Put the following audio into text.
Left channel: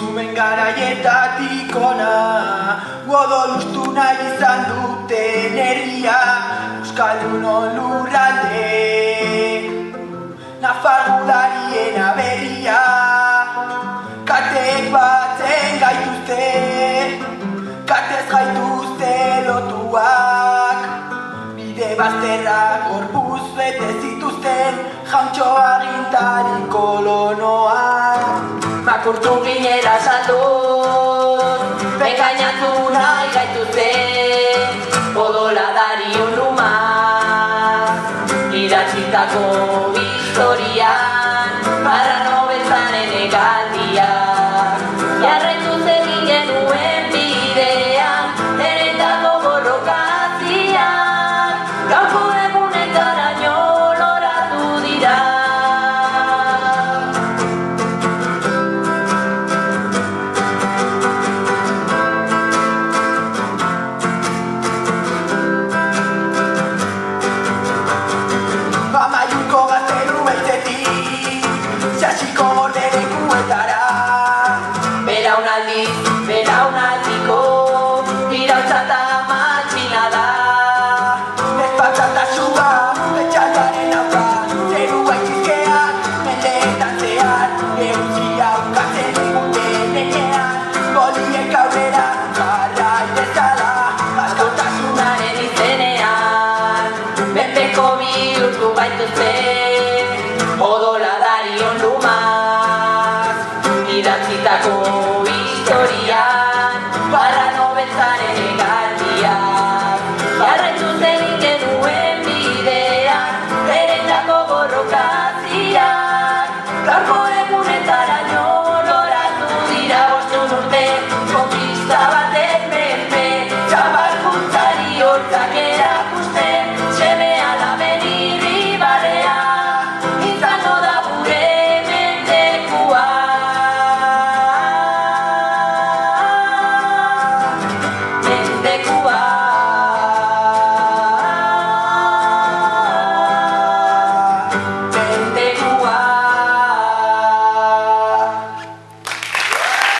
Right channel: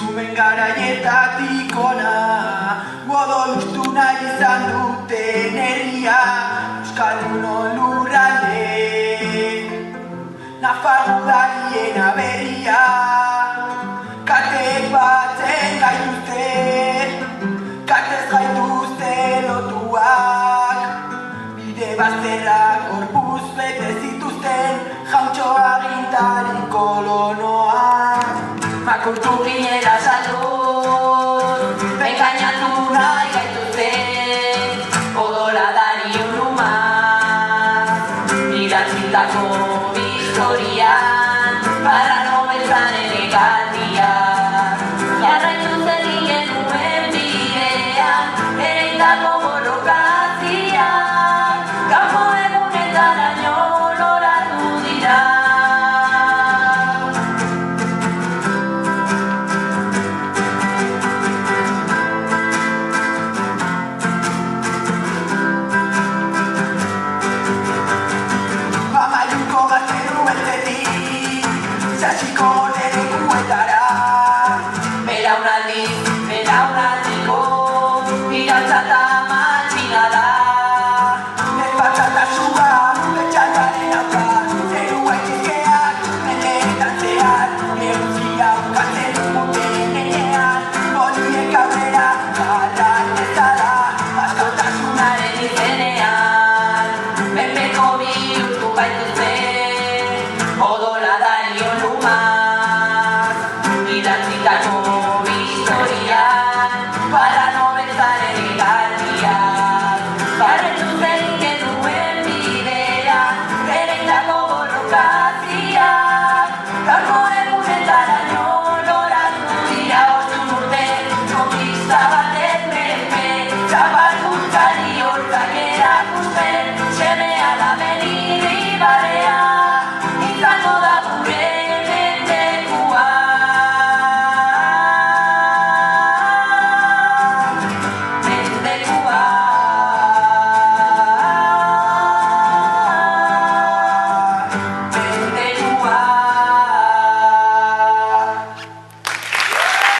Zuben garaietatik ona, godon ustu nahi izan duten herria, Euskaldunon lurralde, Nafargularien aberia, katek batzen gaituzte, katez gaituzte lotuak, bide bazterrak gorpuz bete zituzten, jauntxo agintari kolonoak. Makurtu ginela saldu, engainatu nahi gaituzten, odola darion lumak, idatzitako historian, para nobezan elegantiak, jarraitu zegin genuen bidean, eretako borrokazian, kanpo egunetaraino loratu dira. Amaiuko gaztelu beltzetik, txatxiko nere kuetara, belaunaldiko, irautza matxina da. Ez batzatasua, betxataren hauka, zeru gaitizkeak, mendeetan zehar,